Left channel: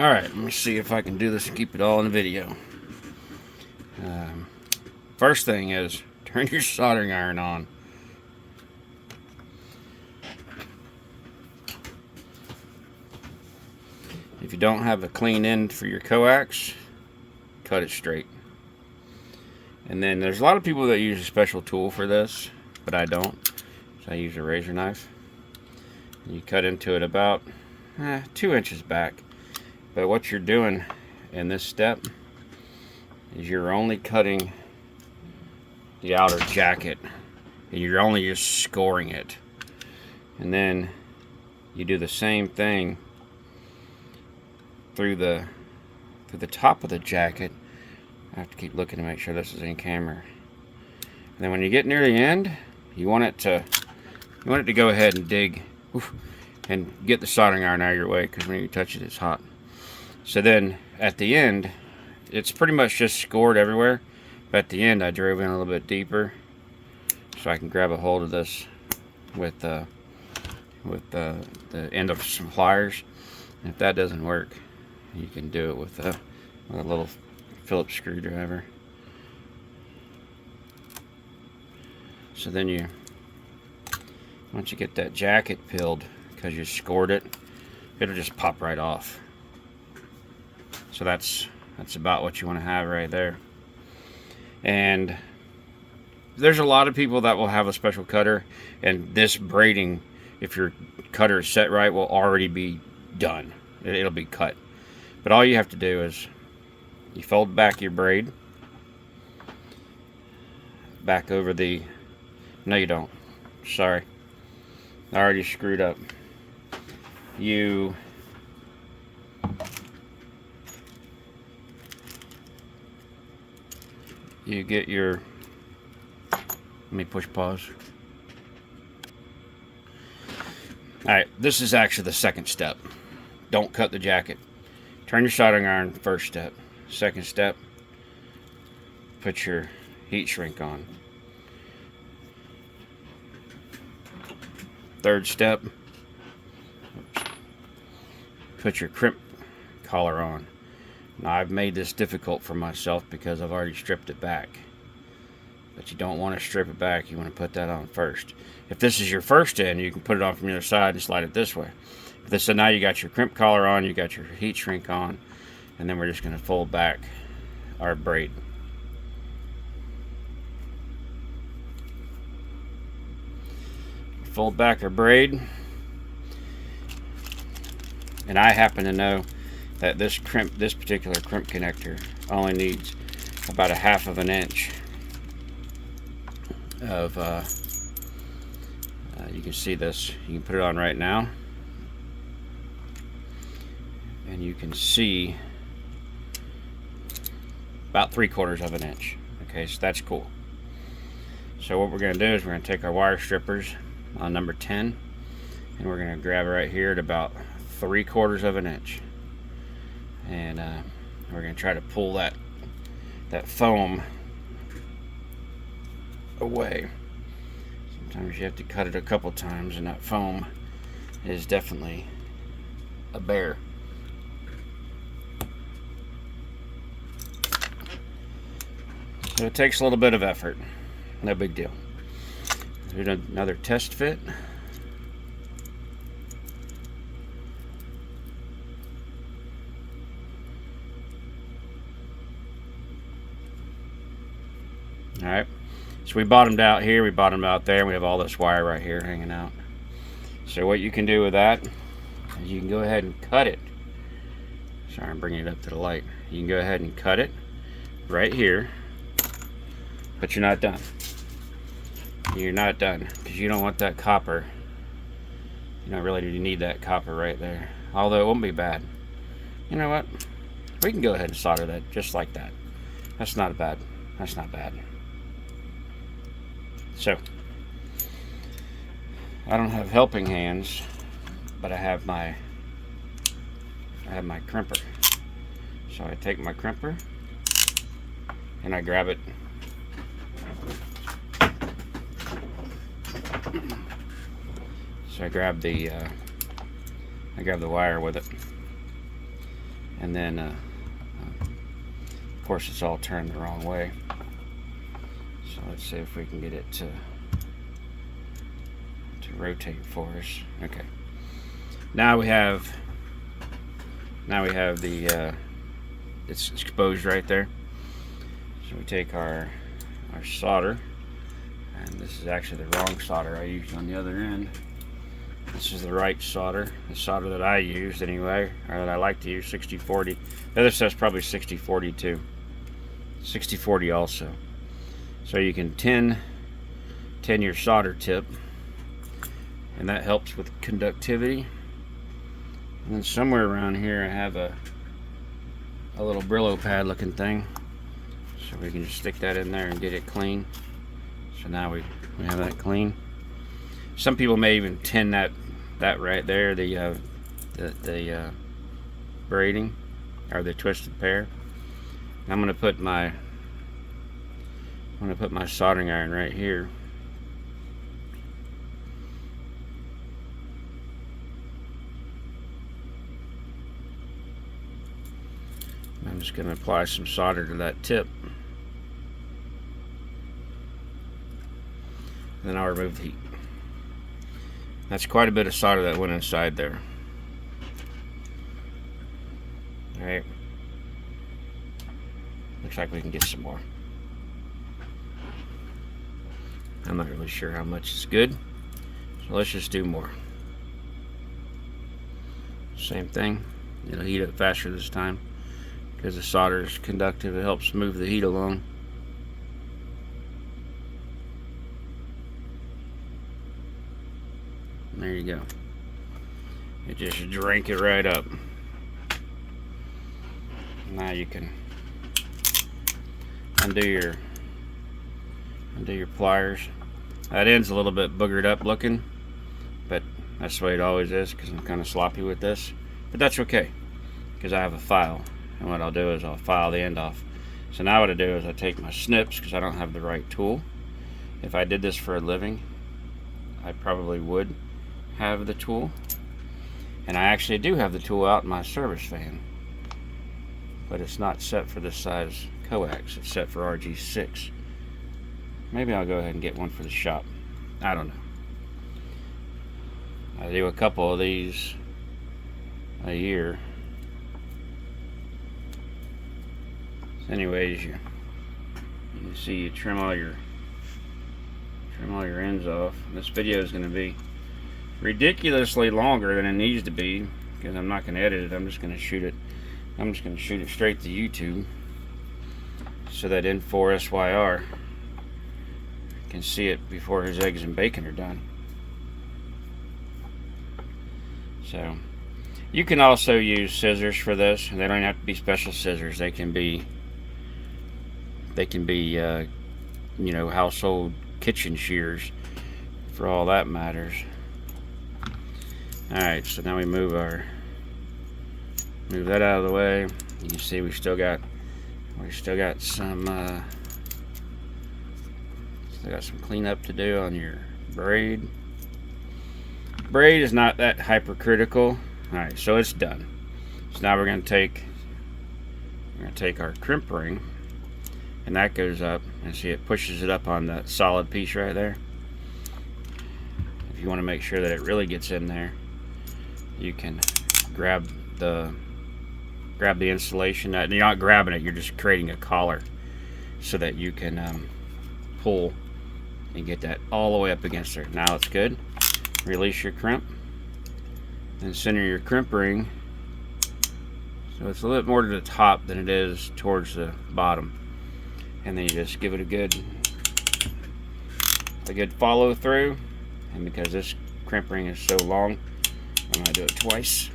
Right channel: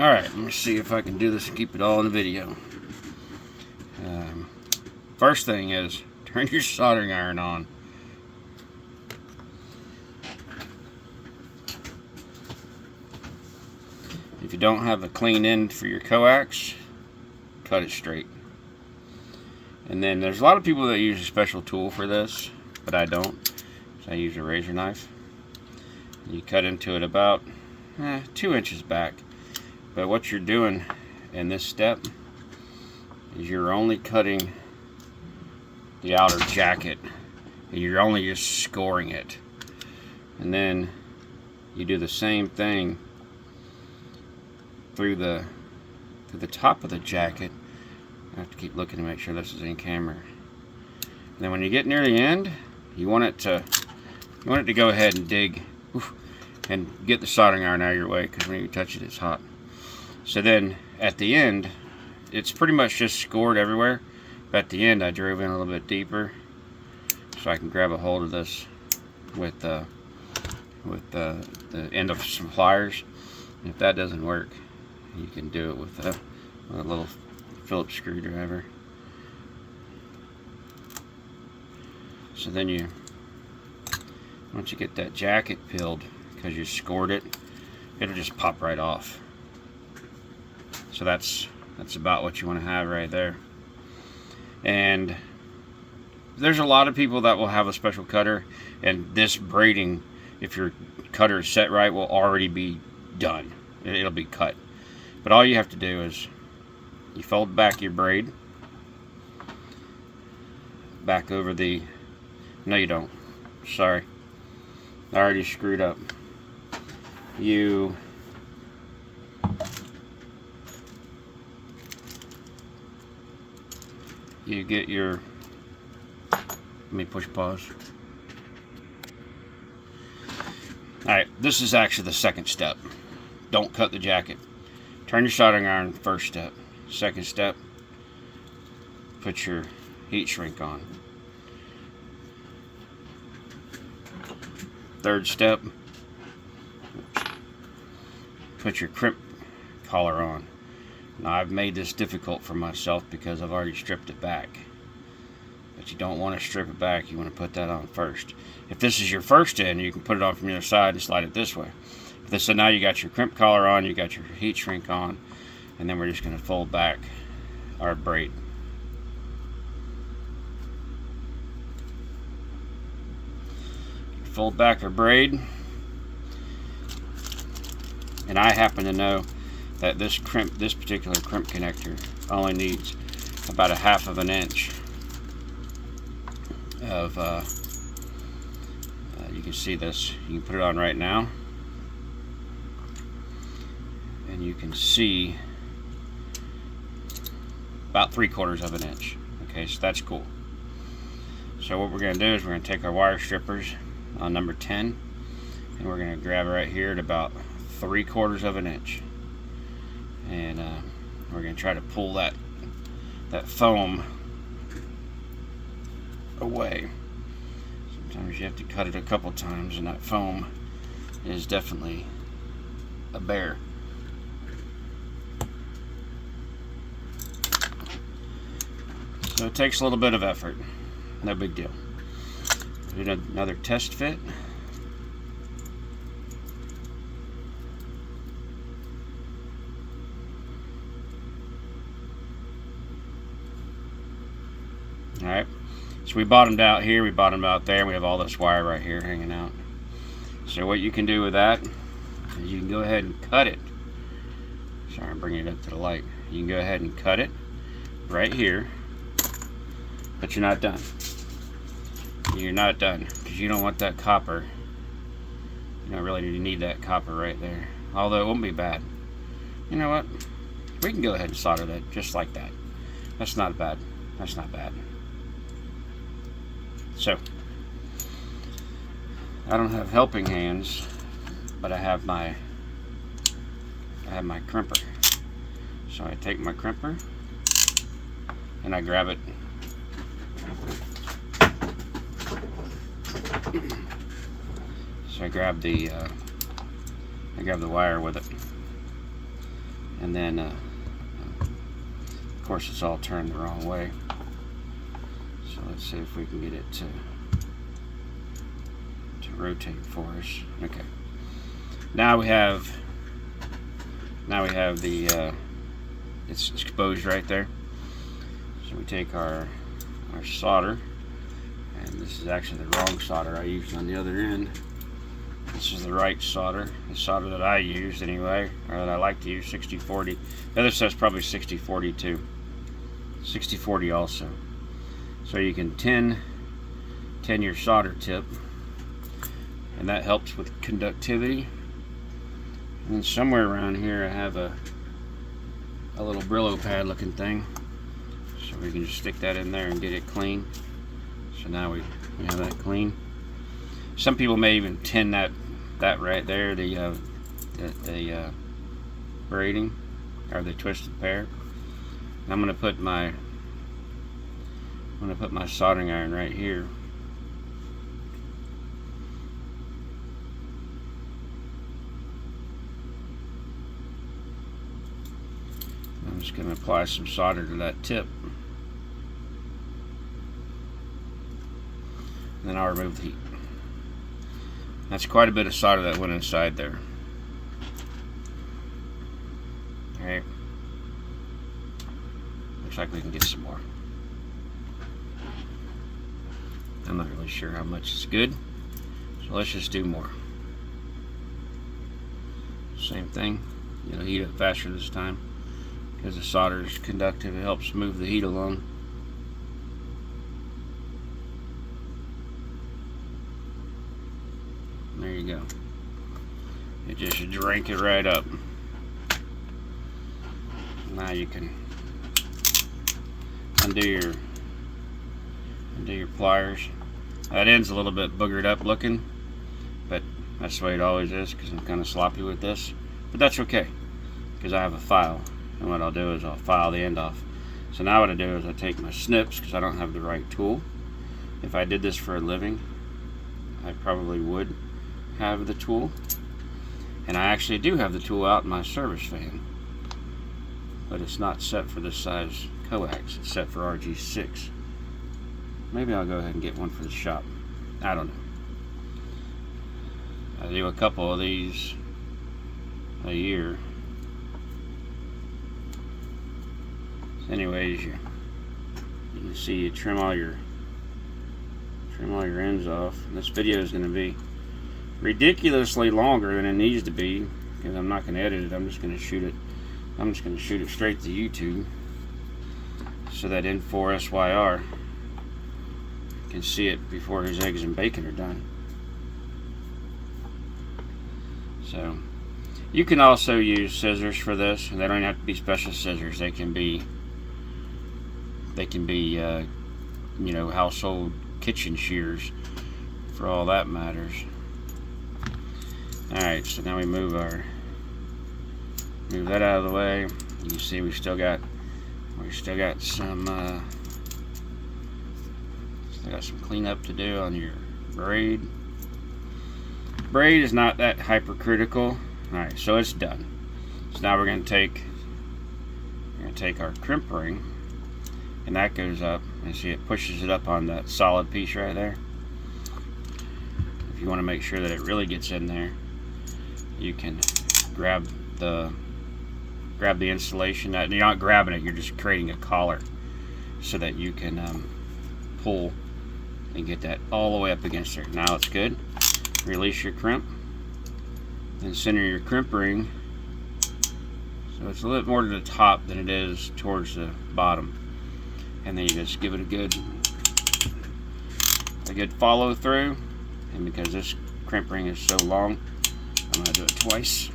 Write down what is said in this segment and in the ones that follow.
Alright, let me see if I can do this and keep it all in the video. First thing is, turn your soldering iron on. If you don't have a clean end for your coax, cut it straight. And then there's a lot of people that use a special tool for this, but I don't. So I use a razor knife. You cut into it about 2 inches back. But what you're doing in this step is you're only cutting the outer jacket, and you're only just scoring it. And then you do the same thing through the top of the jacket. I have to keep looking to make sure this is in camera. And then when you get near the end, you want it to go ahead and dig and get the soldering iron out of your way, because when you touch it, it's hot. So then at the end, it's pretty much just scored everywhere. But at the end, I drove in a little bit deeper so I can grab a hold of this with the end of some pliers. And if that doesn't work, you can do it with a little Phillips screwdriver. So then once you get that jacket peeled, because you scored it, it'll just pop right off. So that's about what you want to have right there. And there's a lot of people that will have a special cutter, and this braiding, if your cutter is set right, will already be done. It'll be cut. But all you have to do is you fold back your braid back over the, no you don't, sorry, I already screwed up. You get your, let me push pause. Alright, this is actually the second step. Don't cut the jacket. Turn your soldering iron, first step. Second step, put your heat shrink on. Third step, put your crimp collar on. Now I've made this difficult for myself because I've already stripped it back. But you don't want to strip it back, you want to put that on first. If this is your first end, you can put it on from the other side and slide it this way. So now you got your crimp collar on, you got your heat shrink on, and then we're just going to fold back our braid. Fold back our braid, and I happen to know that this particular crimp connector only needs about 1/2 of an inch of you can see this, you can put it on right now, and you can see about 3/4 of an inch. Okay, so that's cool. So what we're going to do is we're going to take our wire strippers on number 10, and we're going to grab it right here at about 3/4 of an inch, and we're going to try to pull that foam away. Sometimes you have to cut it a couple times, and that foam is definitely a bear. So it takes a little bit of effort, no big deal. Do another test fit. Alright, so we bottomed out here, we bottomed out there, and we have all this wire right here hanging out. So what you can do with that is you can go ahead and cut it. Sorry, I'm bringing it up to the light. You can go ahead and cut it right here, but you're not done. You're not done, because you don't want that copper. You don't really need that copper right there, although it won't be bad. You know what, we can go ahead and solder that just like that. That's not bad. That's not bad. So I don't have helping hands, but I have my crimper. So I take my crimper and I grab it. So I grab the wire with it, And then of course it's all turned the wrong way, so let's see if we can get it to rotate for us. Okay, now we have the it's exposed right there. So we take our solder, and this is actually the wrong solder I used on the other end. This is the right solder, the solder that I used anyway, or that I like to use, 60-40. The other stuff's probably 60-40 too. 60-40 also. So you can tin your solder tip, and that helps with conductivity. And then somewhere around here I have a little Brillo pad looking thing, so we can just stick that in there and get it clean. So now we have that clean. Some people may even tin that right there, the braiding or the twisted pair. And I'm gonna put my soldering iron right here. I'm just going to apply some solder to that tip. And then I'll remove the heat. That's quite a bit of solder that went inside there. Alright. Looks like we can get some more. I'm not really sure how much is good, so let's just do more. Same thing. It'll heat up faster this time, because the solder is conductive. It helps move the heat along. There you go. It just drank it right up. Now you can undo your pliers. That end's a little bit boogered up looking, but that's the way it always is, because I'm kind of sloppy with this. But that's okay, because I have a file. And what I'll do is I'll file the end off. So now what I do is I take my snips, because I don't have the right tool. If I did this for a living, I probably would have the tool. And I actually do have the tool out in my service van, but it's not set for this size coax. It's set for RG6. Maybe I'll go ahead and get one for the shop. I don't know. I do a couple of these a year. Anyways, you can see you trim all your ends off. And this video is going to be ridiculously longer than it needs to be, because I'm not going to edit it. I'm just going to shoot it. I'm just going to shoot it straight to YouTube, so that N4SYR can see it before his eggs and bacon are done. So you can also use scissors for this. They don't have to be special scissors. They can be you know, household kitchen shears, for all that matters. Alright, so now we move that out of the way. You can see we still got some cleanup to do on your braid. Braid is not that hypercritical. Alright, so it's done. So now we're gonna take our crimp ring, and that goes up, and see it pushes it up on that solid piece right there. If you want to make sure that it really gets in there, you can grab the insulation. You're not grabbing it, you're just creating a collar, so that you can pull and get that all the way up against there. Now it's good. Release your crimp and center your crimp ring, so it's a little bit more to the top than it is towards the bottom. And then you just give it a good follow through. And because this crimp ring is so long, I'm going to do it twice.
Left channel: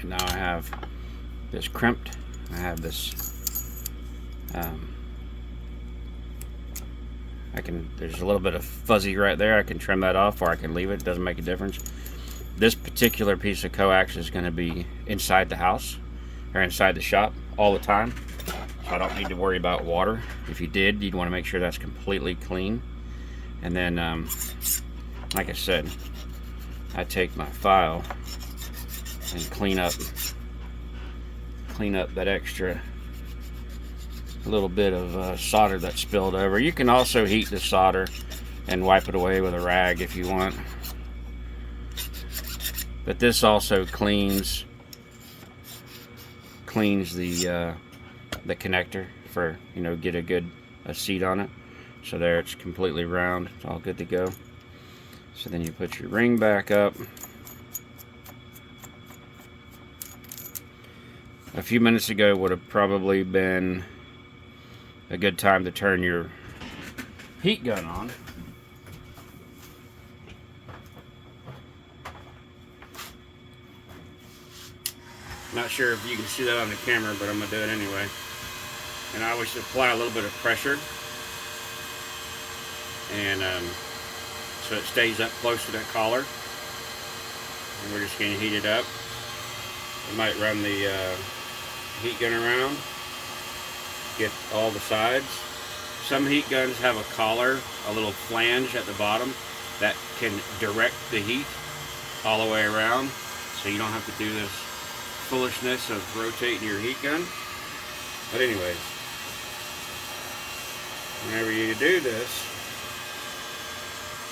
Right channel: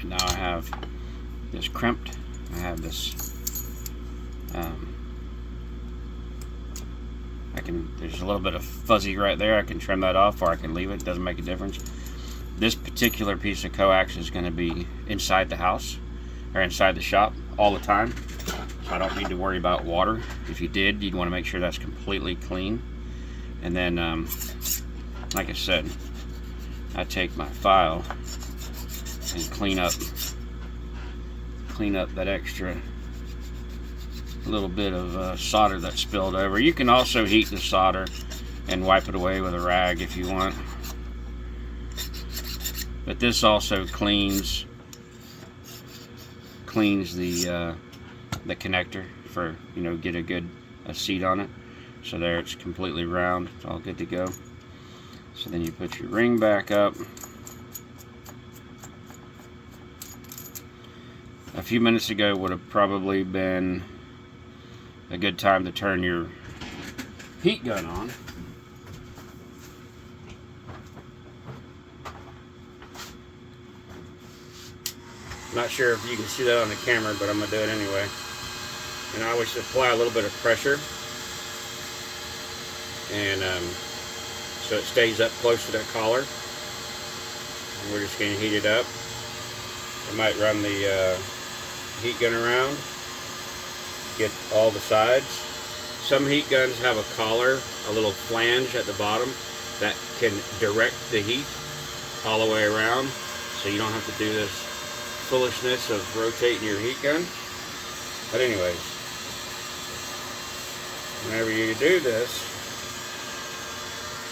And now I have this crimped. I have this there's a little bit of fuzzy right there. I can trim that off, or I can leave it. It doesn't make a difference. This particular piece of coax is going to be inside the house, or inside the shop all the time. So I don't need to worry about water. If you did, you'd want to make sure that's completely clean. And then, like I said, I take my file and clean up clean up that extra little bit of solder that spilled over. You can also heat the solder and wipe it away with a rag if you want. But this also cleans the connector for, you know, get a seat on it. So there, it's completely round. It's all good to go. So then you put your ring back up. A few minutes ago would have probably been a good time to turn your heat gun on. Not sure if you can see that on the camera, but I'm going to do it anyway. And I always apply a little bit of pressure, and so it stays up close to that collar. And we're just going to heat it up. I might run the heat gun around, get all the sides. Some heat guns have a collar, a little flange at the bottom that can direct the heat all the way around, so you don't have to do this foolishness of rotating your heat gun. But anyways, whenever you do this,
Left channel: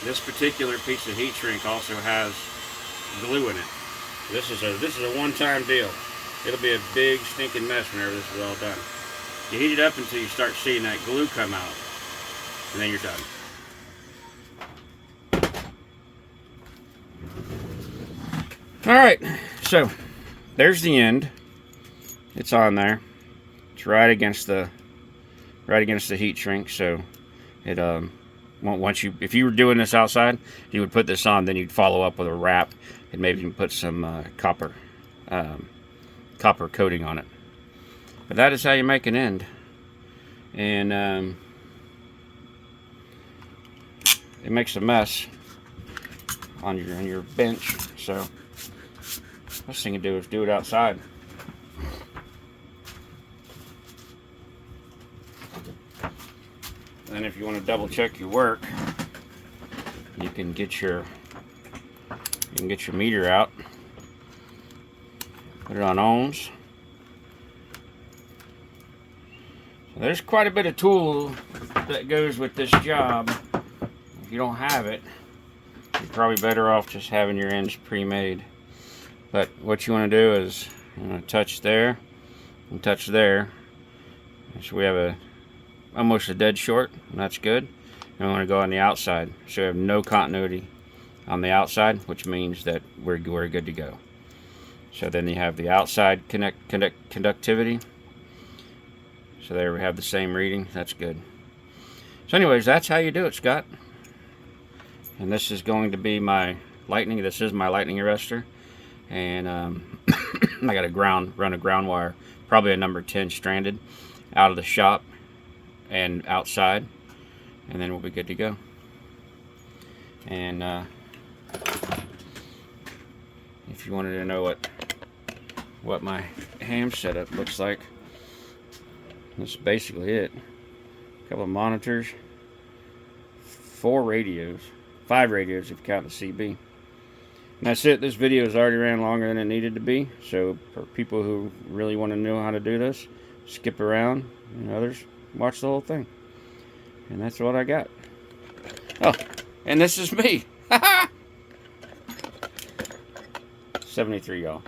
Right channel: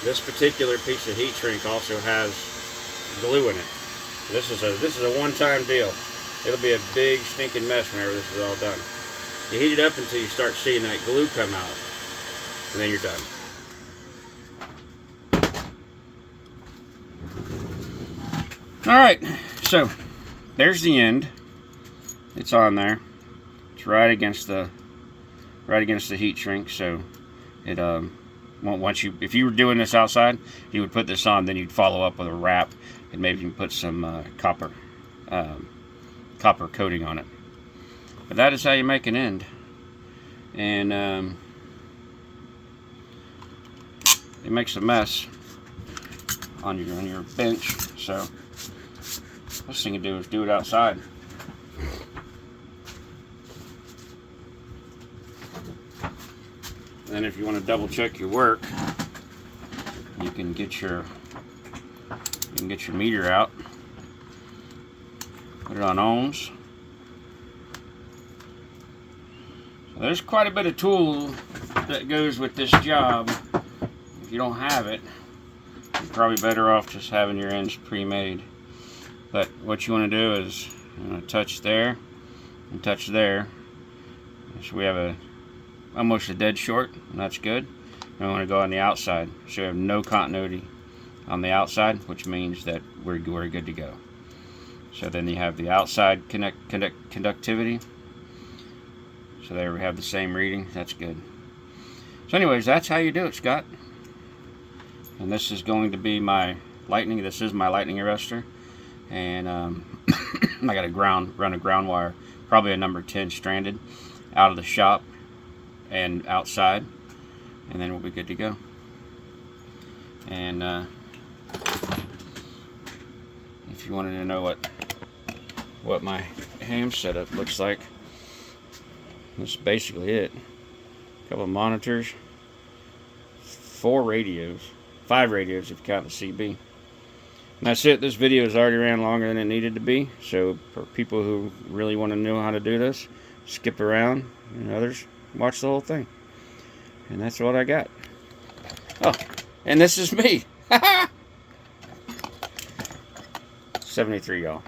this particular piece of heat shrink also has glue in it. This is a one-time deal. It'll be a big stinking mess whenever this is all done. You heat it up until you start seeing that glue come out, and then you're done. All right, so there's the end. It's on there. It's right against the heat shrink. So it once you, if you were doing this outside, you would put this on, then you'd follow up with a wrap, and maybe you can put some copper coating on it. But that is how you make an end. And it makes a mess on your bench. So best thing to do is do it outside. Then if you want to double check your work, you can get your meter out, put it on ohms. There's quite a bit of tool that goes with this job. If you don't have it, you're probably better off just having your ends pre-made. But what you want to do is you want to touch there and touch there. So we have almost a dead short, and that's good. And we want to go on the outside, so we have no continuity on the outside, which means that we're good to go. So then you have the outside conductivity. So there we have the same reading. That's good. So anyways, that's how you do it, Scott. And this is going to be my lightning. This is my lightning arrestor. And I got run a ground wire, probably a number 10 stranded, out of the shop and outside. And then we'll be good to go. And if you wanted to know what my ham setup looks like, that's basically it. A couple of monitors, 5 radios if you count the CB. And that's it. This video has already ran longer than it needed to be. So for people who really want to know how to do this, skip around, and others, watch the whole thing. And that's what I got. Oh, and this is me. 73, y'all.